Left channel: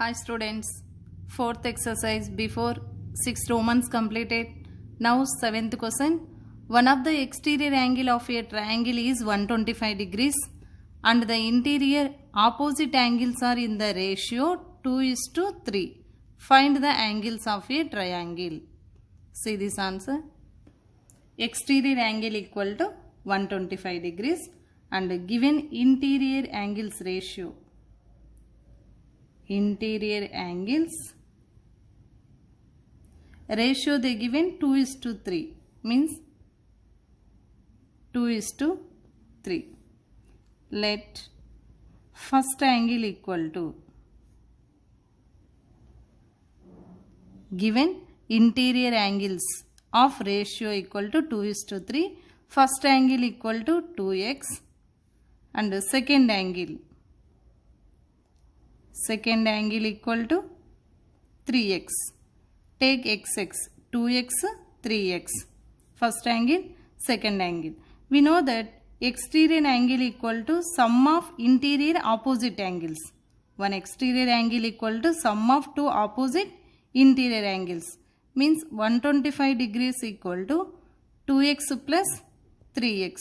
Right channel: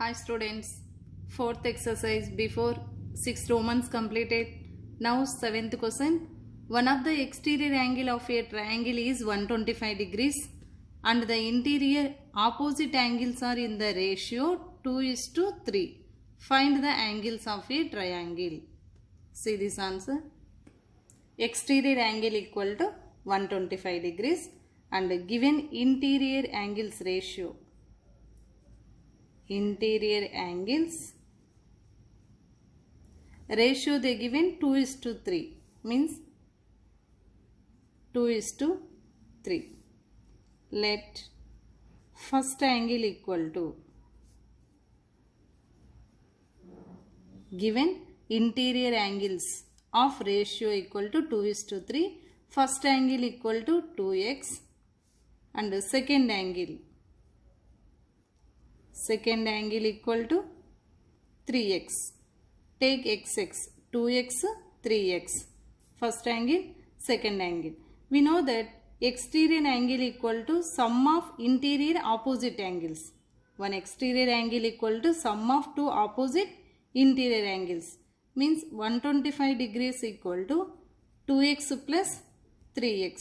Hi students, fourth exercise before 6 Romans completed. Now seventh question. One of the exterior angle of a triangle is 125 degrees and the interior opposite angles are in the ratio 2:3. Find the angles of a triangle. See this answer. Exterior angle equal to 125 degrees and given interior angles ratio. Interior angles ratio they given 2:3 means 2:3. Let first angle equal to given interior angles of ratio equal to 2:3. First angle equal to 2x and second angle equal to 3x. Take xx, 2x, 3x. First angle, second angle. We know that exterior angle equal to sum of interior opposite angles. One exterior angle equal to sum of two opposite interior angles. Means 125 degrees equal to 2x plus 3x.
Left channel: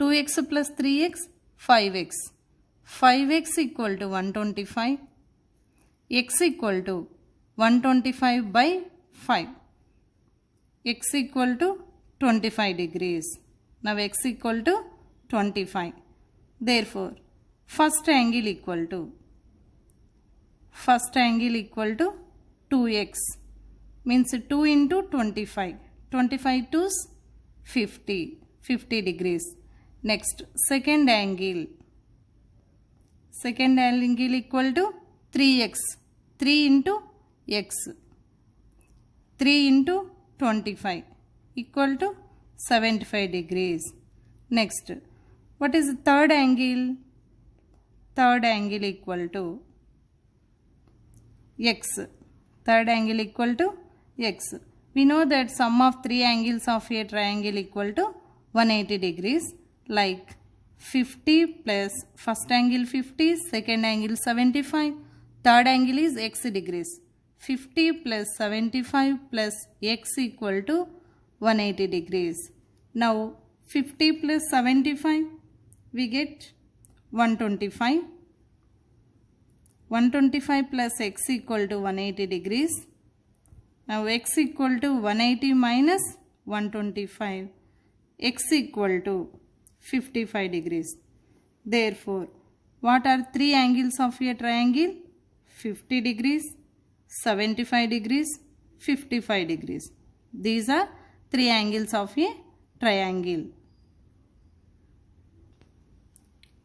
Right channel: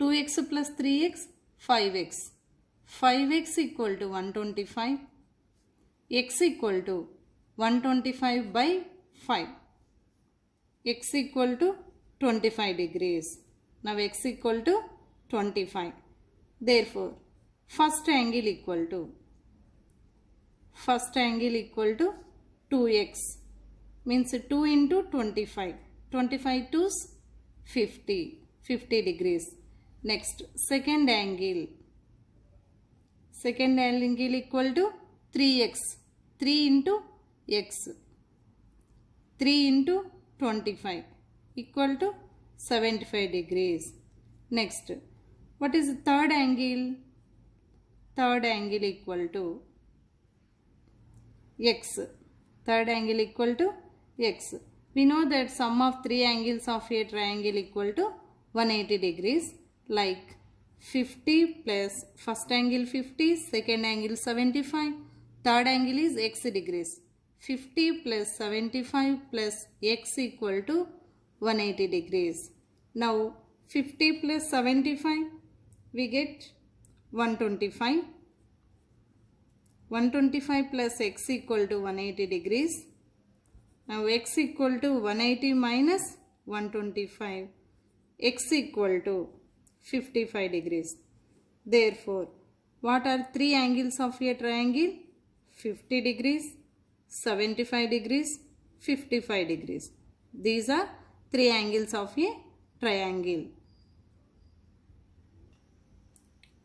2x plus 3x, 5x. 5x equal to 125, x equal to 125 by 5, x equal to 25 degrees. Now x equal to 25. Therefore, first angle equal to 2x means 2 into 25. 25 to 50 degrees. Next, second angle equal to 3x. 3 into x. 3 into 25 equal to 75 degrees. Next, what is the third angle? Third angle equal to x. Third angle equal to x. We know that sum of three angles of a triangle equal to 180 degrees, like 50 plus first angle 50, second angle 75, third angle is x degrees. 50 plus 75 plus x equal to 180 degrees. Now 50 plus 75 we get 125. 125 plus x equal to 180 degrees. Now x equal to 180 minus 125. X equal to 55 degrees. Therefore, what are three angles of a triangle? 50 degrees, 75 degrees, 55 degrees. These are three angles of a triangle.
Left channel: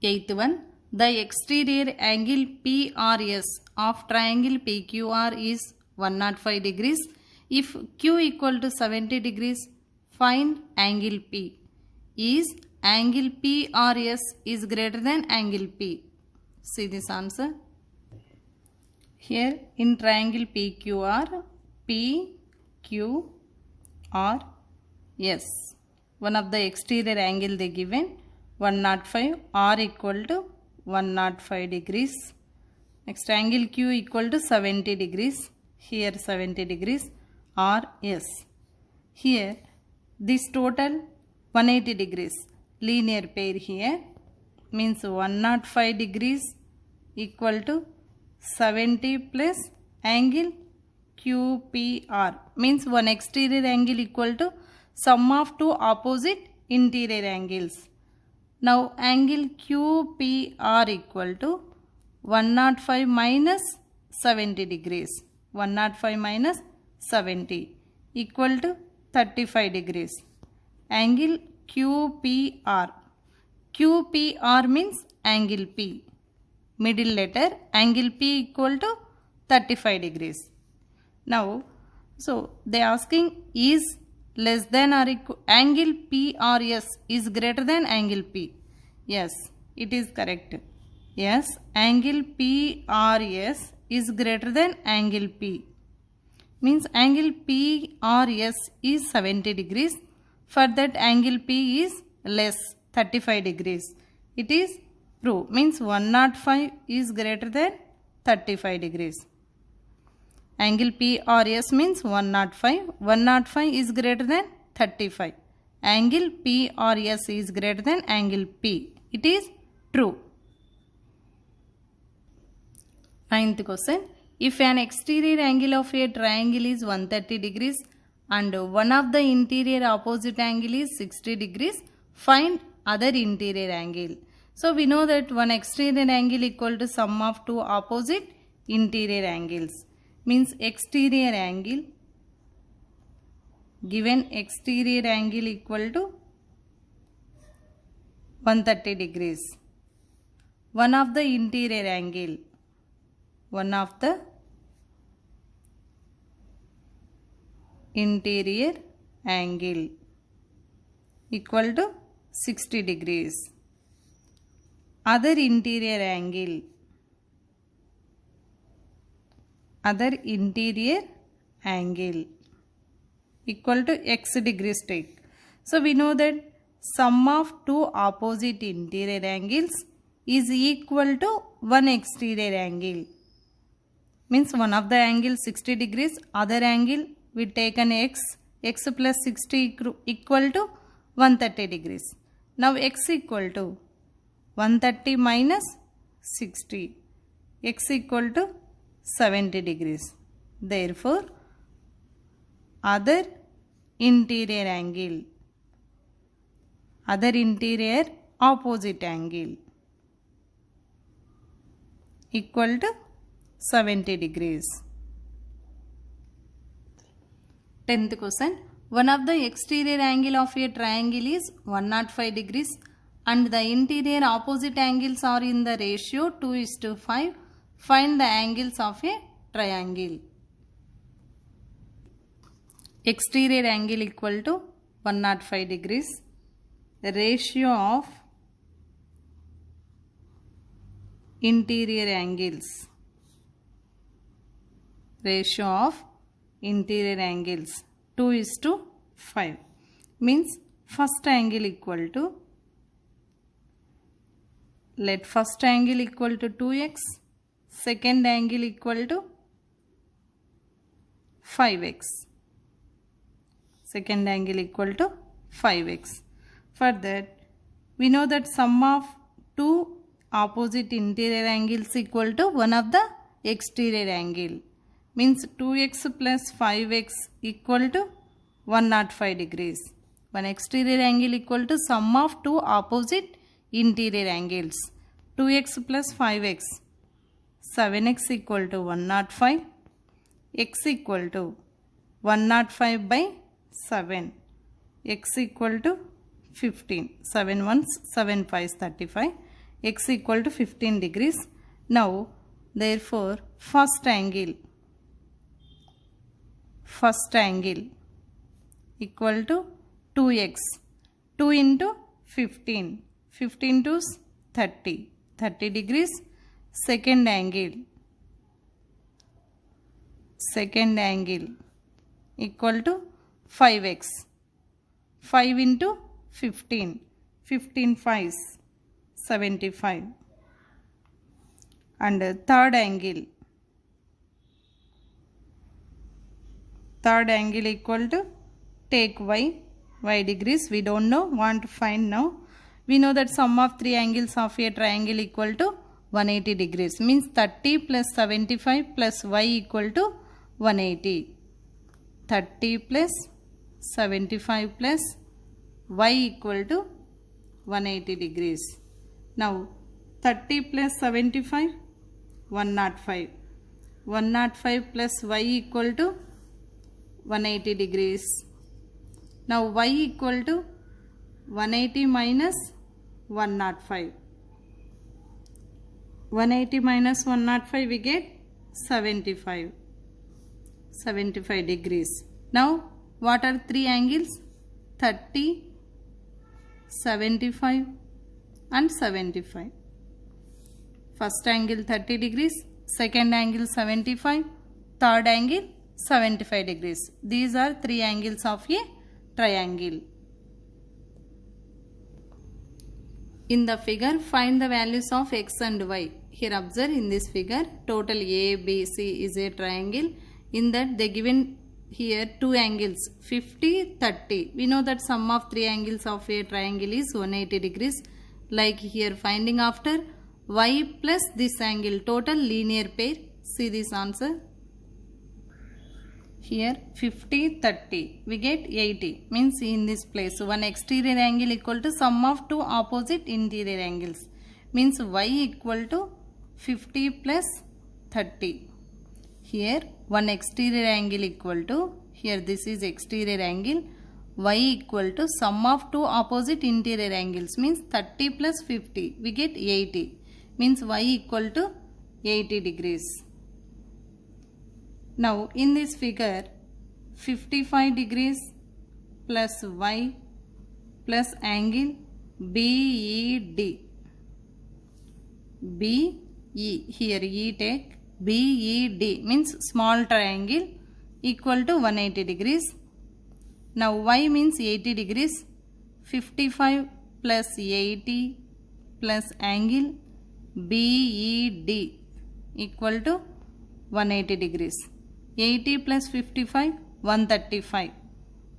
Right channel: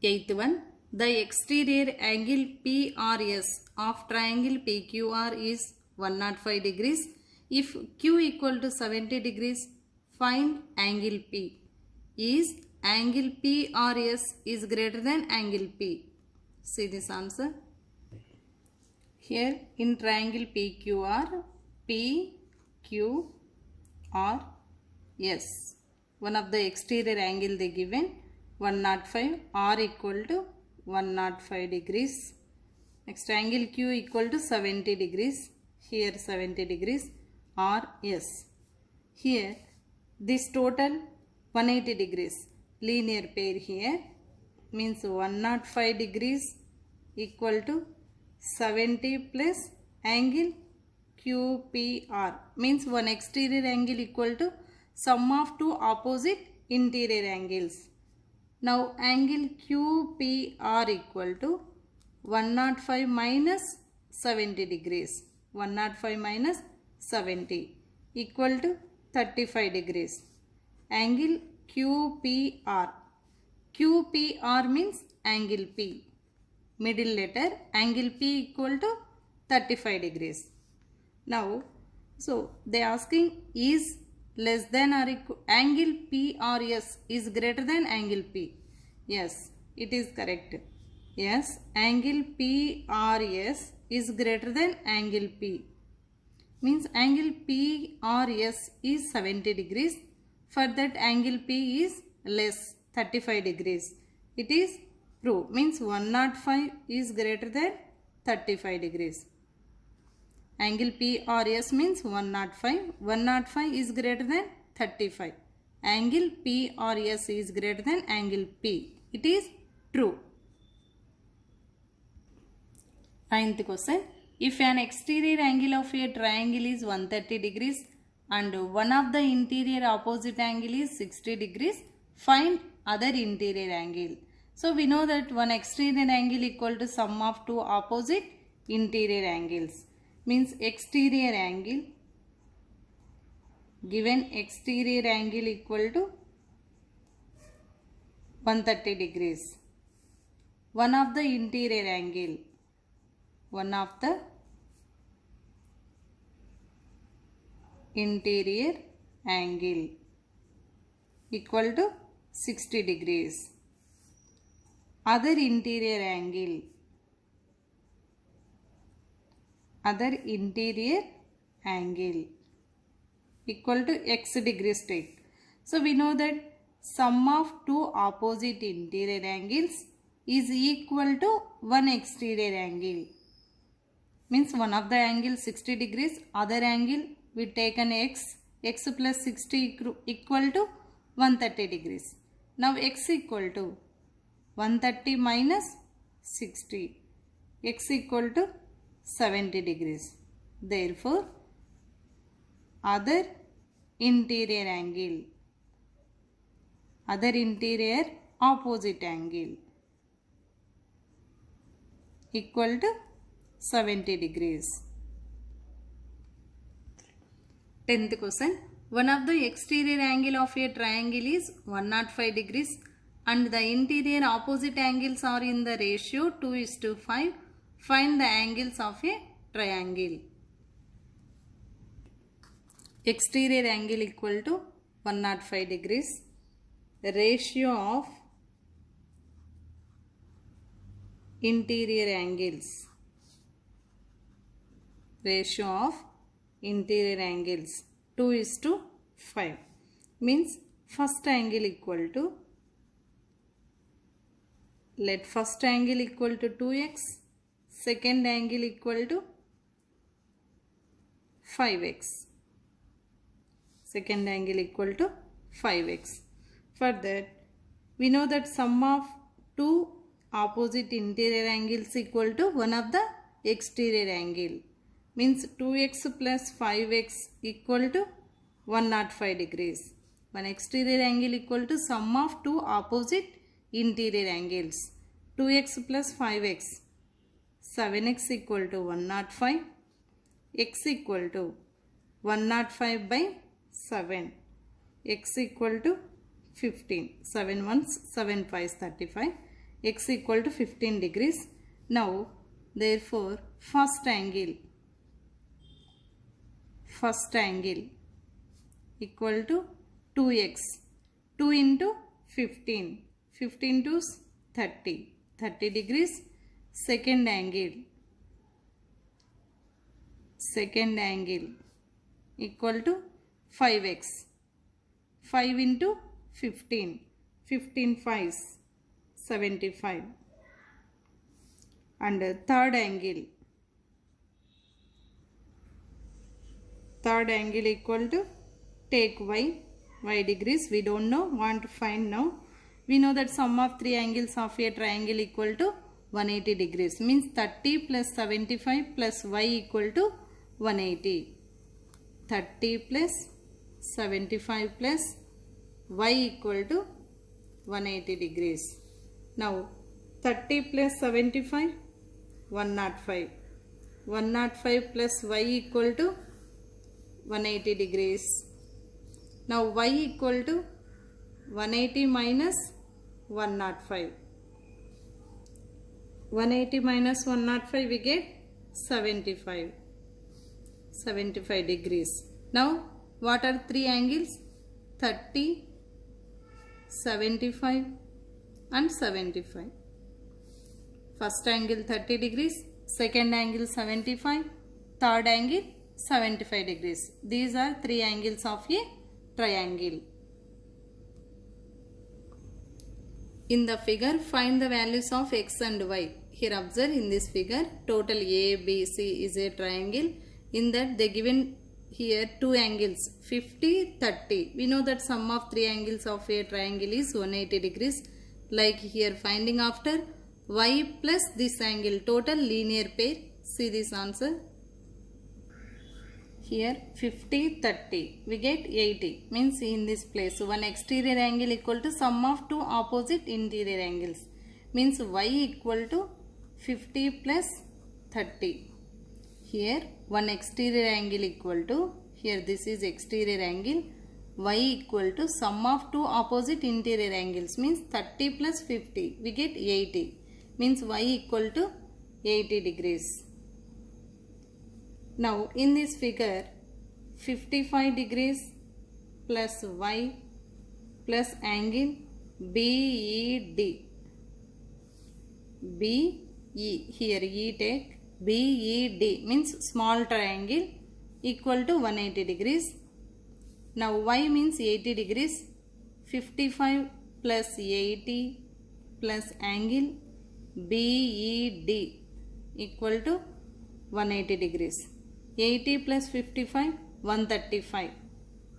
Eighth one. The exterior angle PRS of triangle PQR is 105 degrees. If Q equal to 70 degrees, find angle P. Is angle PRS is greater than angle P. See this answer. Here in triangle PQR, PQRS. One of the exterior angle they given 105, R equal to 105 degrees. Next angle Q equal to 70 degrees. Here 70 degrees. RS. Here this total 180 degrees. Linear pair here means 105 degrees equal to 70 plus angle QPR means one exterior angle equal to sum of two opposite interior angles. Now angle QPR equal to 105 minus 70 degrees. 105 minus 70 equal to 35 degrees. Angle QPR. QPR means angle P. Middle letter angle P equal to 35 degrees. Now, so they asking is less than or equal angle PRS is greater than angle P. Yes, it is correct. Yes, angle PRS is greater than angle P. Means angle PRS is 70 degrees. For that angle P is less 35 degrees. It is proved. Means 105 is greater than 35 degrees. Angle PRS means 105. 105 is greater than 35. Angle PRS is greater than angle P. It is true. 9th question. If an exterior angle of a triangle is 130 degrees and one of the interior opposite angle is 60 degrees, find other interior angle. So we know that one exterior angle equal to sum of two opposite interior angles. Means exterior angle, given exterior angle equal to 130 degrees. One of the interior angle, one of the interior angle equal to 60 degrees. Other interior angle, other interior angle equal to x degrees take. So we know that sum of two opposite interior angles is equal to one exterior angle. Means one of the angle 60 degrees, other angle we take an x plus 60 equal to 130 degrees. Now x equal to 130 minus 60, x equal to 70 degrees. Therefore, other interior angle, other interior opposite angle equal to 70 degrees. 10th question. One of the exterior angle of a triangle is 105 degrees and the interior opposite angles are in the ratio 2:5. Find the angles of a triangle. Exterior angle equal to 105 degrees. The ratio of interior angles, ratio of interior angles 2:5 means first angle equal to, let first angle equal to 2x, second angle equal to 5x, second angle equal to 5x. For that we know that sum of two opposite interior angles equal to one of the exterior angle. Means 2x plus 5x equal to 105 degrees. One exterior angle equal to sum of two opposite interior angles. 2x plus 5x, 7x equal to 105, x equal to 105 by 7, x equal to 15, 7 ones, 7 5s 35, x equal to 15 degrees. Now therefore first angle equal to 2x, 2 into 15, 15 to 30, 30 degrees. Second angle equal to 5x, 5 into 15, 15 5s 75. And third angle equal to, take y degrees, we don't know, want to find now. We know that sum of three angles of a triangle equal to 180 degrees. Means 30 plus 75 plus y equal to 180. 30 plus 75 plus y equal to 180 degrees. Now 30 plus 75, 105. 105 plus y equal to 180 degrees. Now y equal to 180 minus 105. 180 minus 105 we get 75. 75 degrees. Now what are three angles? 30, 75 and 75. First angle 30 degrees, second angle 75, third angle 75 degrees. These are three angles of a triangle. In the figure, find the values of x and y. here observe in this figure total ABC is a triangle. In that they given here two angles 50, 30. We know that sum of three angles of a triangle is 180 degrees. Like here finding after y plus this angle total linear pair. See this answer. Here 50, 30. We get 80. Means in this place one exterior angle equal to sum of two opposite interior angles. Means y equal to 50 plus 30. Here one exterior angle equal to, here this is exterior angle, y equal to sum of two opposite interior angles, means 30 plus 50, we get 80, means y equal to 80 degrees. Now in this figure 55 degrees plus y plus angle BED. BE, here E take, BED means small triangle equal to 180 degrees. Now y means 80 degrees. 55 plus 80 plus angle BED equal to 180 degrees. 80 plus 55, 135.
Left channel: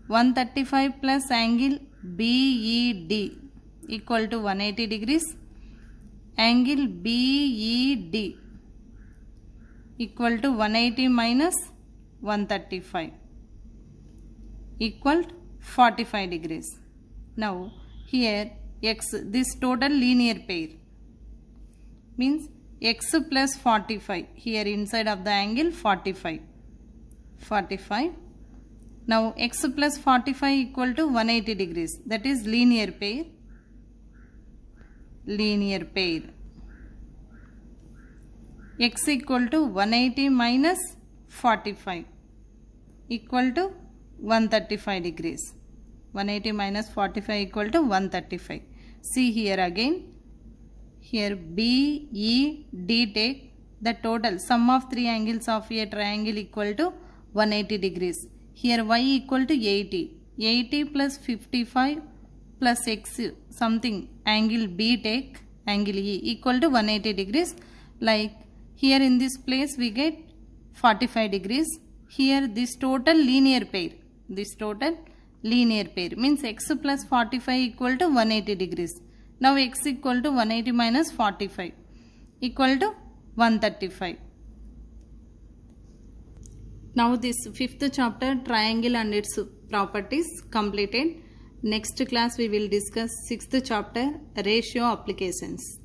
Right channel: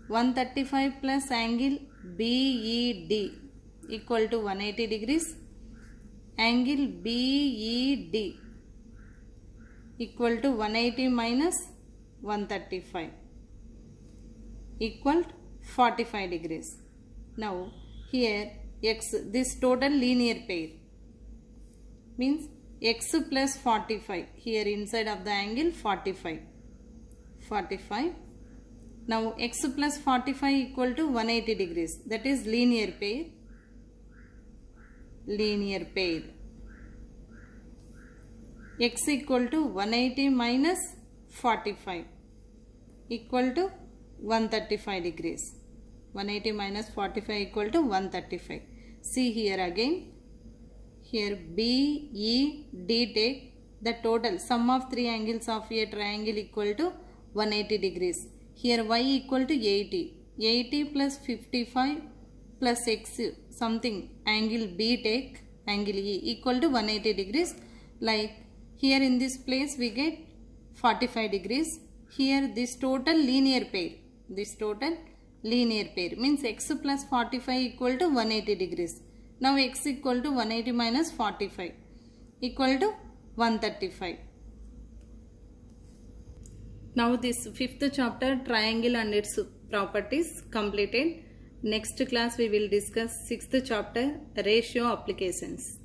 135 plus angle BED equal to 180 degrees. Angle BED equal to 180 minus 135 equal 45 degrees. Now here x, this total linear pair means x plus 45, here inside of the angle 45. Now x plus 45 equal to 180 degrees, that is linear pair. X equal to 180 minus 45 equal to 135 degrees. 180 minus 45 equal to 135. See here again. Here BED take the total sum of three angles of a triangle equal to 180 degrees. Here y equal to 80. 80 plus 55 plus x something angle B take, angle E equal to 180 degrees. Like here in this place we get 45 degrees. Here this total linear pair means x plus 45 equal to 180 degrees. Now x equal to 180 minus 45 equal to 135. Now this fifth chapter triangle and its properties completed. Next class we will discuss sixth chapter ratio applications.